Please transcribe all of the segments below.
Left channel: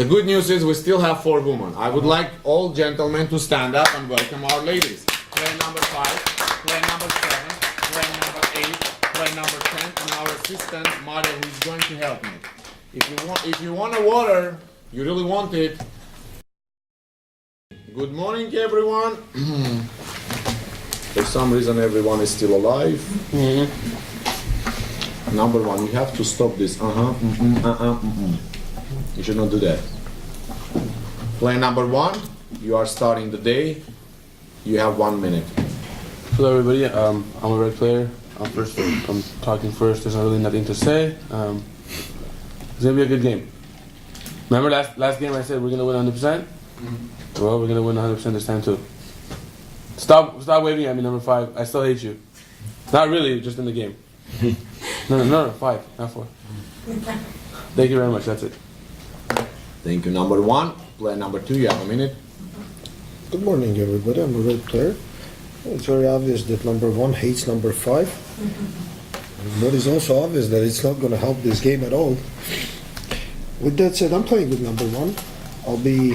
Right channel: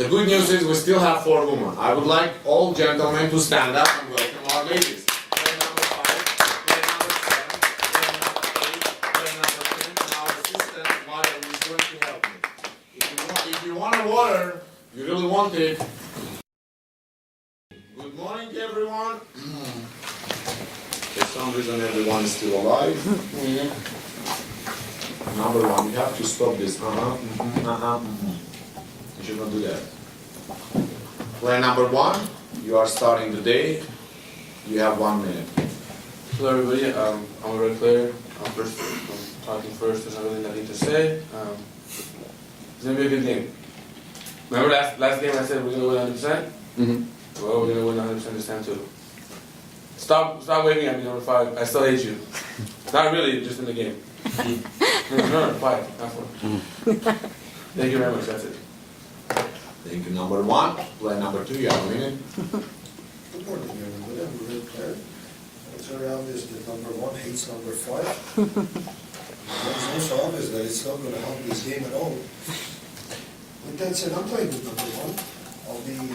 The good news is we still have 4 women. I would like all gentlemen to stand up and welcome our ladies. Player number 5, player number 7, player number 8, player number 10, and our assistant Maria, who is going to help me. If you want a water, you really want it. Good morning, everyone. For some reason, everyone is still alive. Number 1, you have to stop this. You should not do that. Player number 1, you are starting the day. You have 1 minute. Hello, everybody. I'm a red player. I'm talking first. There's not really nothing to say. It's gonna be a good game. Remember last game I said we're gonna win 100%. Well, we're gonna win 100% this time too. Stop waving at me, number 5. I still hate you. Not really, just in the game. No, 5, not 4. Thank you very much. That's it. Thank you, number 1. Player number 2, you have a minute. Good morning, everybody. I'm a red player. It's very obvious that number 1 hates number 5. What is also obvious that it's not going to help this game at all. With that said, I'm playing with number 1. I'll be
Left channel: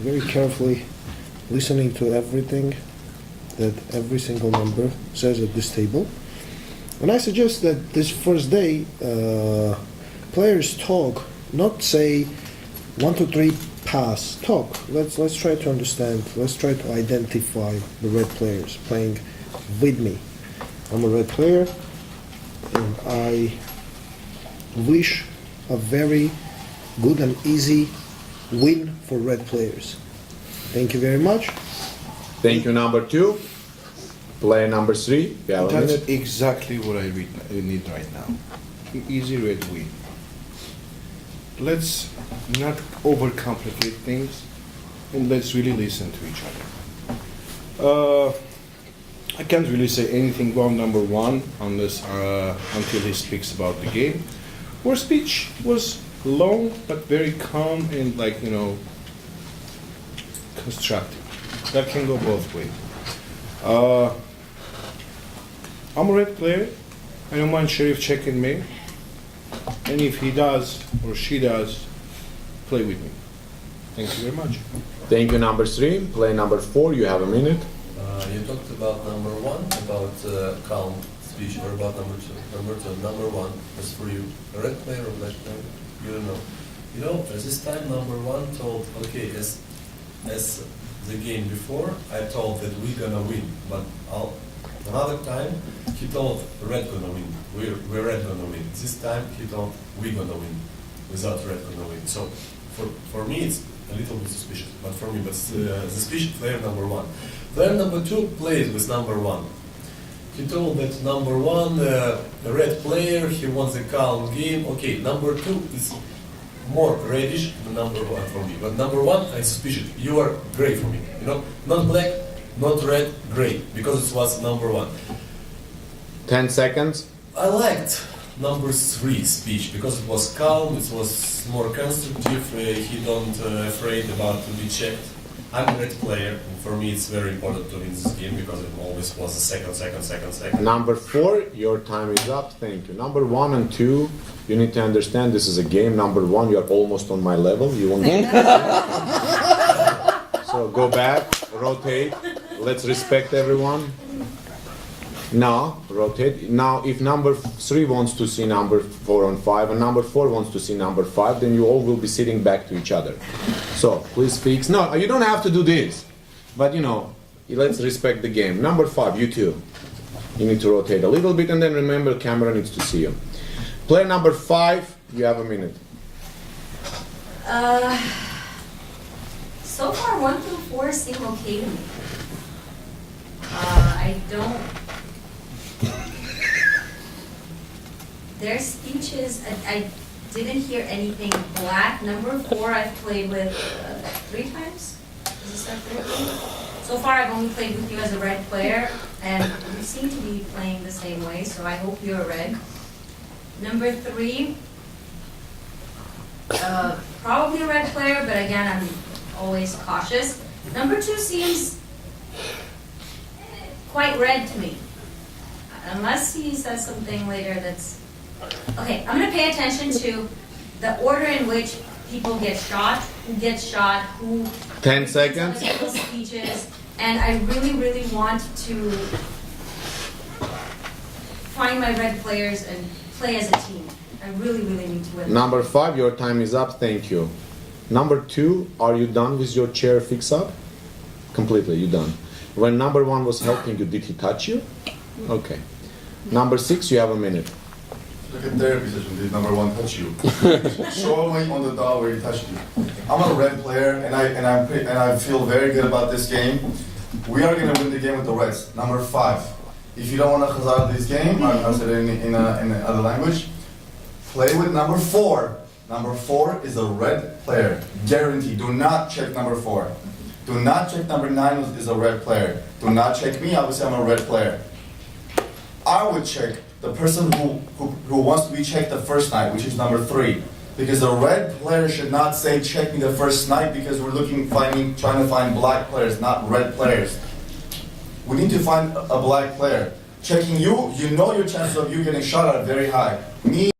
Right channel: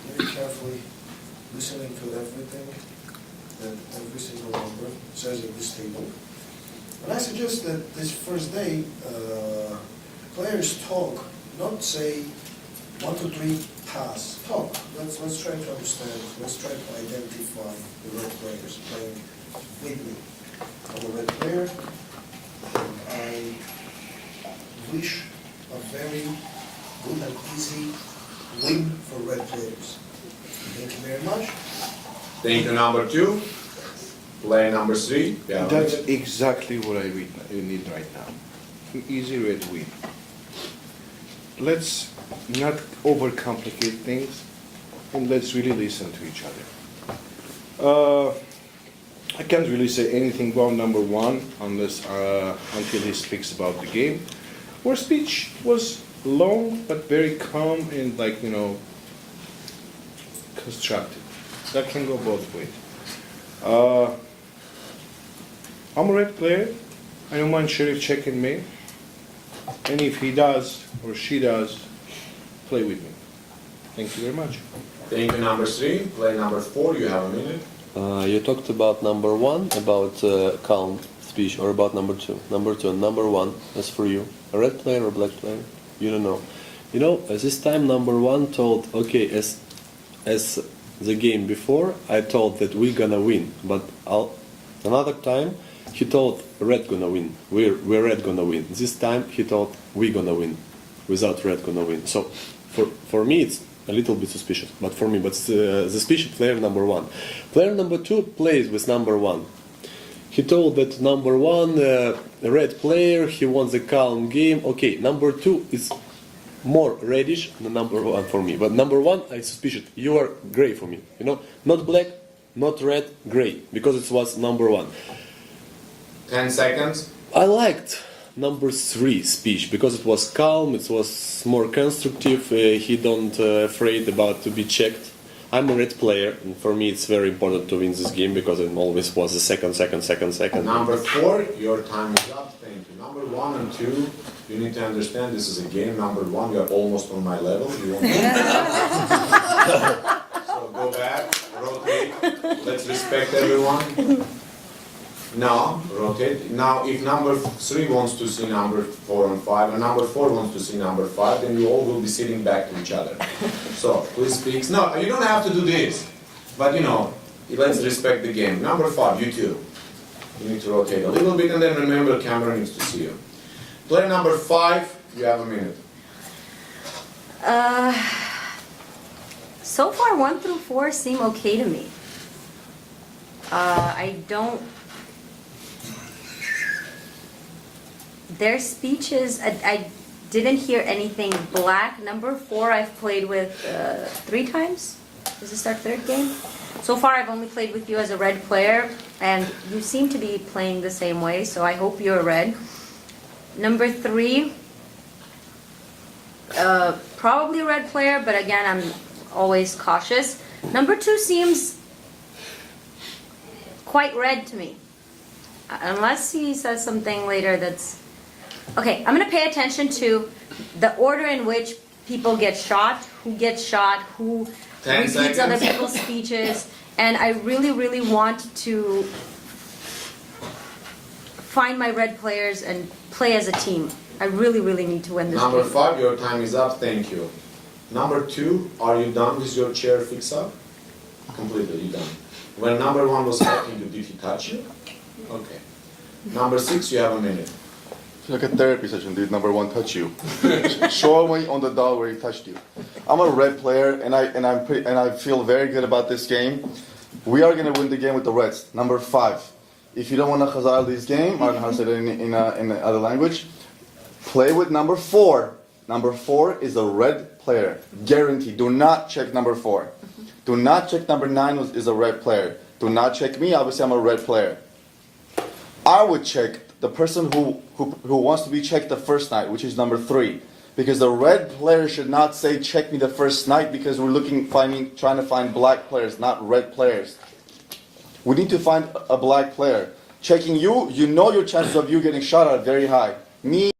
very carefully listening to everything that every single number says at this table. And I suggest that this first day, players talk, not say 1, 2, 3, pass. Talk. Let's try to understand. Let's try to identify the red players playing with me. I'm a red player, and I wish a very good and easy win for red players. Thank you very much. Thank you, number 2. Player number 3. You have a That's minute. exactly what I need right now. An easy red win. Let's not overcomplicate things, and let's really listen to each other. I can't really say anything about number 1 unless until he speaks about the game. Our speech was long but very calm and constructive. That can go both ways. I'm a red player. I don't mind Sheriff checking me. And if he does or she does, play with me. Thank you very much. Thank you, number 3. Player number 4, you have a minute. You talked about number 1, about calm speech, or about number 2. Number 2 and number 1, that's for you. A red player or black player? You don't know. You know, at this time number 1 told, okay, as the game before, I told that we're gonna win, but another time he told red gonna win. We're red gonna win. This time he told we gonna win, without red gonna win. So for me it's a little bit suspicious, but for me, suspicious player number 1. Player number 2 plays with number 1. He told that number 1, the red player, he wants a calm game. Okay, number 2 is more reddish than number 1 for me. But number 1, I suspicious. You are gray for me. You know, not black, not red, gray, because it was number 1. 10 seconds. I liked number 3 speech because it was calm, it was more constructive. He don't afraid about to be checked. I'm a red player, and for me it's very important to win this game because it always was the second. Number 4, your time is up. Thank you. Number 1 and 2, you need to understand this is a game. Number 1, you are almost on my level. You won't. So go back, rotate. Let's respect everyone. Now, rotate. Now, if number 3 wants to see number 4 and 5, and number 4 wants to see number 5, then you all will be sitting back to each other. So, please speak. No, you don't have to do this. But, let's respect the game. Number 5, you too. You need to rotate a little bit, and then remember the camera needs to see you. Player number 5, you have a minute. So far, 1 through 4 seem okay to me. I don't... Their speeches, I didn't hear anything black. Number 4 I've played with 3 times. Is this our 3rd game? So far I've only played with you as a red player, and you seem to be playing the same way, so I hope you're red. Number 3, probably a red player, but again, I'm always cautious. Number 2 seems quite red to me. Unless he says something later that's... Okay, I'm going to pay attention to the order in which people get shot, who gets shot, who 10 repeats other seconds. people's speeches, and I really, really want to find my red players and play as a team. I really, really need to win this Number game. 5, your time is up. Thank you. Number 2, are you done with your chair fix up? Completely, you done. When number 1 was helping you, did he touch you? Okay. Number 6, you have a minute. Like a therapy session, did number 1 touch you? Show me on the dot where he touched you. I'm a red player, and I feel very good about this game. We are gonna win the game with the reds. Number 5. If you don't want to khazar this game, I'm saying it in other language. Play with number 4. Number 4 is a red player, guaranteed. Do not check number 4. Do not check number 9 is a red player. Do not check me. Obviously, I'm a red player. I would check the person who wants to be checked the first night, which is number 3. Because the red player should not say check me the first night because we're trying to find black players, not red players. We need to find a black player. Checking you, you know your chances of you getting shot are very high. Me,